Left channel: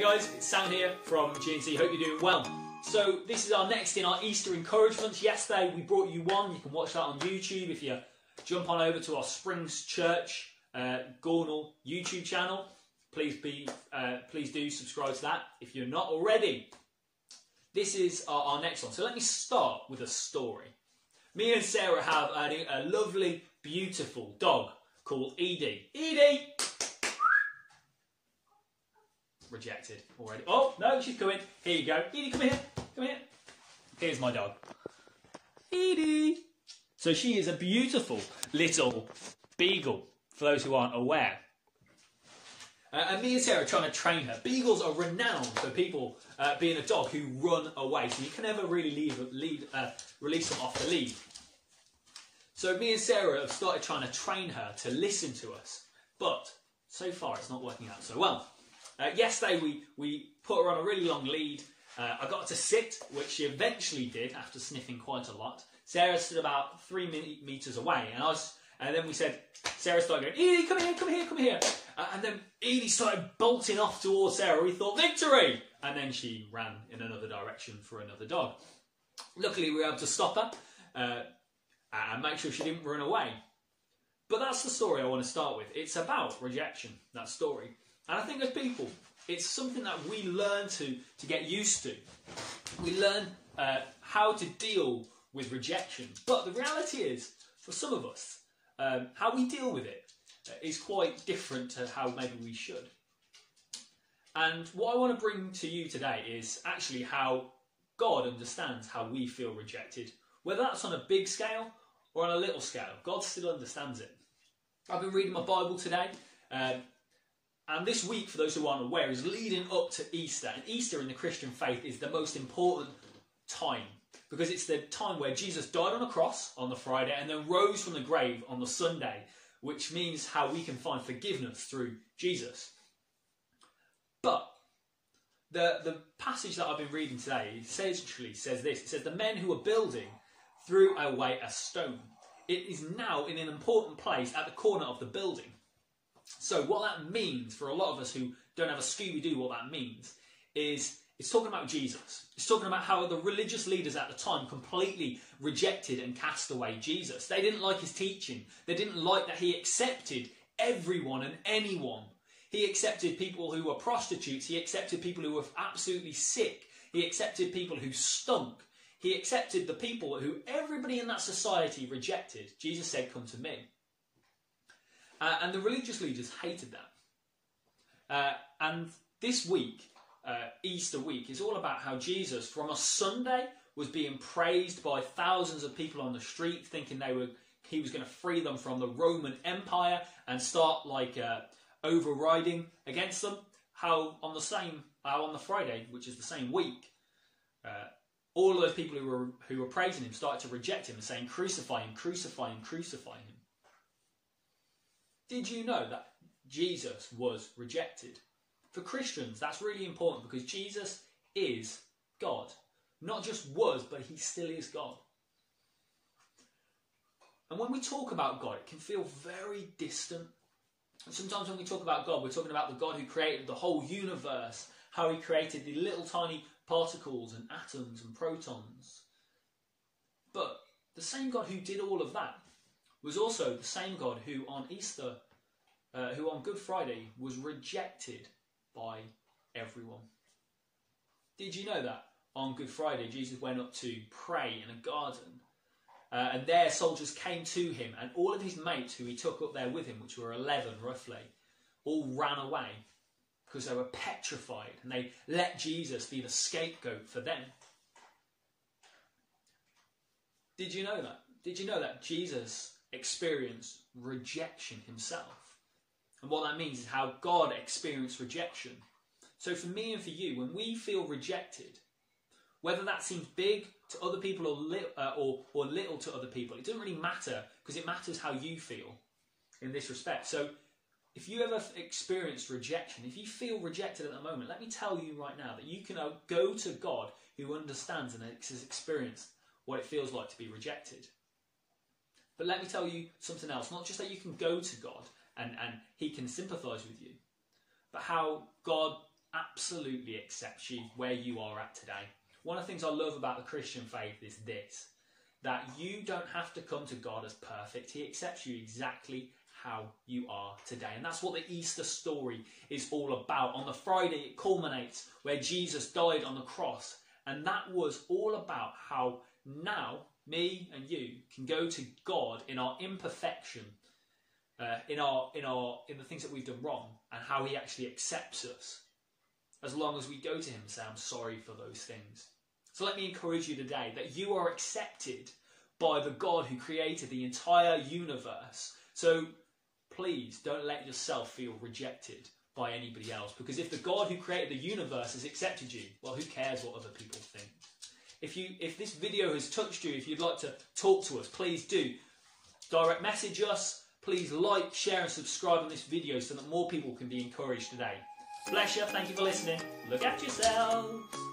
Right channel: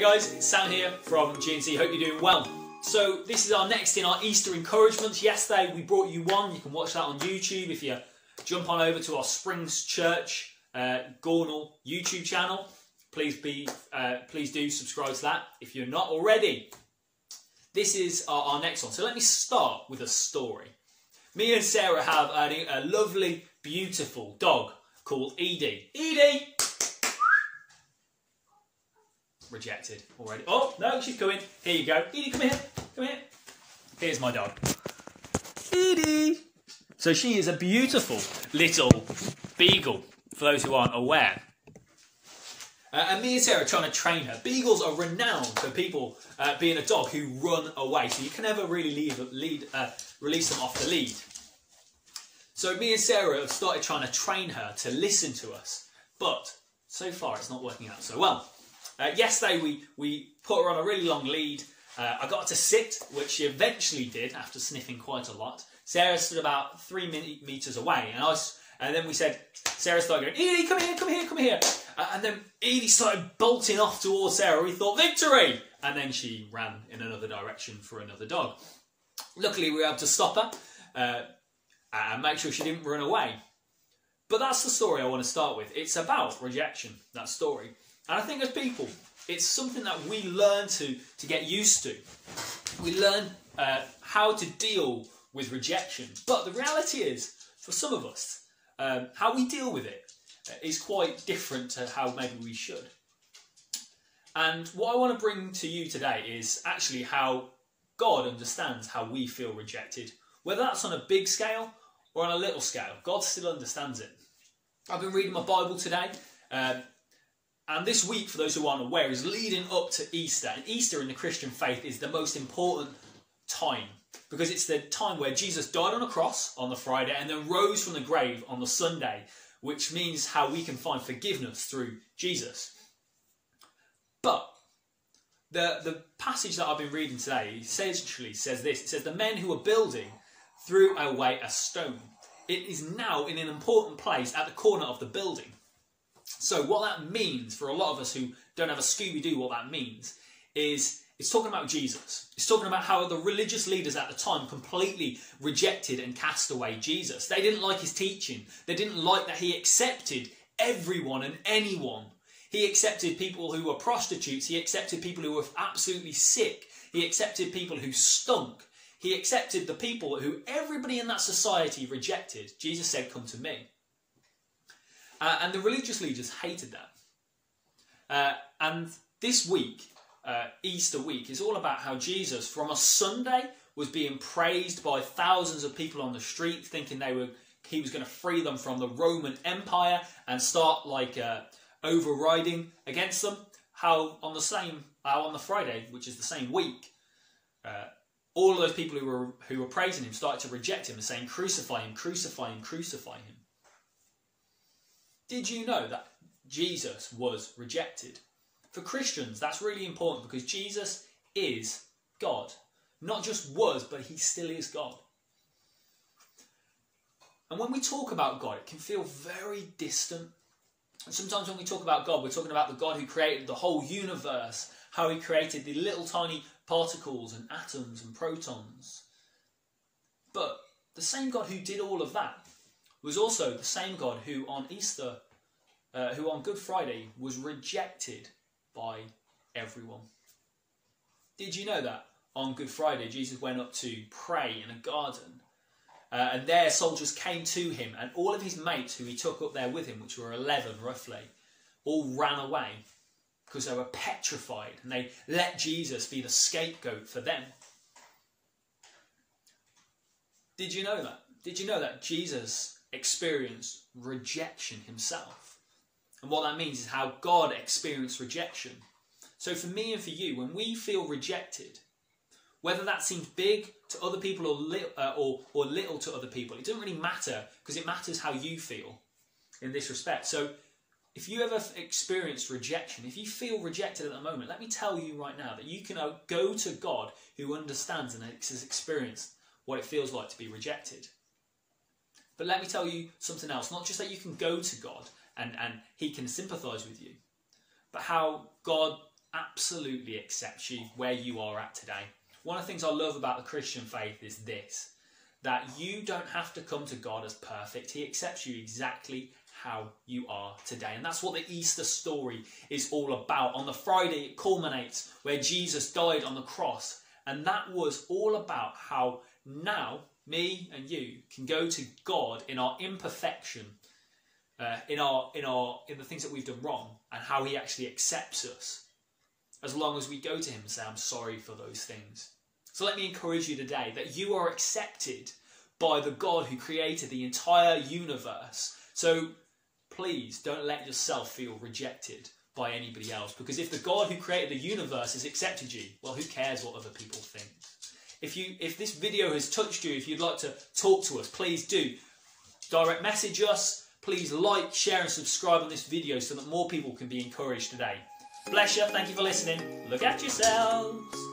Hey guys, it's Sam here from G&C. Hope you're doing well. So this is our next in our Easter encouragements. Yesterday we brought you one. You can watch that on YouTube if you jump on over to our Springs Church Gornal YouTube channel. Please do subscribe to that if you're not already. This is our next one. So let me start with a story. Me and Sarah have a lovely, beautiful dog called Edie. Edie! Rejected already. Oh, no, she's coming. Here you go. Edie, come here. Come here. Here's my dog. Edie. So she is a beautiful little beagle, for those who aren't aware. And me and Sarah are trying to train her. Beagles are renowned for people being a dog who run away. So you can never really release them off the lead. So me and Sarah have started trying to train her to listen to us. But so far it's not working out so well. Yesterday we put her on a really long lead. I got her to sit, which she eventually did after sniffing quite a lot. Sarah stood about 3 meters away, and then we said, Sarah started going, Edie, come here, come here, come here. And then Edie started bolting off towards Sarah. We thought, victory! And then she ran in another direction for another dog. Luckily, we were able to stop her and make sure she didn't run away. But that's the story I want to start with. It's about rejection, that story. And I think as people, it's something that we learn to get used to. We learn how to deal with rejection. But the reality is, for some of us, how we deal with it is quite different to how maybe we should. And what I want to bring to you today is actually how God understands how we feel rejected. Whether that's on a big scale or on a little scale, God still understands it. I've been reading my Bible today. And this week, for those who aren't aware, is leading up to Easter. And Easter in the Christian faith is the most important time, because it's the time where Jesus died on a cross on the Friday and then rose from the grave on the Sunday, which means how we can find forgiveness through Jesus. But the passage that I've been reading today essentially says this. It says, the men who are building threw away a stone. It is now in an important place at the corner of the building. So what that means for a lot of us who don't have a Scooby-Doo, what that means is it's talking about Jesus. It's talking about how the religious leaders at the time completely rejected and cast away Jesus. They didn't like his teaching. They didn't like that he accepted everyone and anyone. He accepted people who were prostitutes. He accepted people who were absolutely sick. He accepted people who stunk. He accepted the people who everybody in that society rejected. Jesus said, come to me. And the religious leaders hated that. And this week, Easter week, is all about how Jesus, from a Sunday, was being praised by thousands of people on the street, thinking he was going to free them from the Roman Empire and start overriding against them. How on the Friday, which is the same week, all of those people who were praising him started to reject him and saying, crucify him, crucify him, crucify him. Did you know that Jesus was rejected? For Christians, that's really important because Jesus is God. Not just was, but he still is God. And when we talk about God, it can feel very distant. And sometimes when we talk about God, we're talking about the God who created the whole universe, how he created the little tiny particles and atoms and protons. But the same God who did all of that was also the same God who on Easter, who on Good Friday was rejected by everyone. Did you know that on Good Friday Jesus went up to pray in a garden and there soldiers came to him and all of his mates who he took up there with him, which were 11 roughly, all ran away because they were petrified and they let Jesus be the scapegoat for them. Did you know that? Did you know that Jesus experienced rejection himself? And what that means is how God experienced rejection. So for me and for you, when we feel rejected, whether that seems big to other people or little to other people, it doesn't really matter because it matters how you feel in this respect. So if you ever experience rejection, if you feel rejected at the moment, let me tell you right now that you can go to God who understands and has experienced what it feels like to be rejected. But let me tell you something else. Not just that you can go to God and he can sympathise with you, but how God absolutely accepts you where you are at today. One of the things I love about the Christian faith is this, that you don't have to come to God as perfect. He accepts you exactly how you are today. And that's what the Easter story is all about. On the Friday, it culminates where Jesus died on the cross. And that was all about how now me and you can go to God in our imperfection, in the things that we've done wrong, and how he actually accepts us as long as we go to him and say, I'm sorry for those things. So let me encourage you today that you are accepted by the God who created the entire universe. So please don't let yourself feel rejected by anybody else, because if the God who created the universe has accepted you, well, who cares what other people think? If this video has touched you, if you'd like to talk to us, please do direct message us. Please like, share and subscribe on this video so that more people can be encouraged today. Bless you. Thank you for listening. Look after yourselves.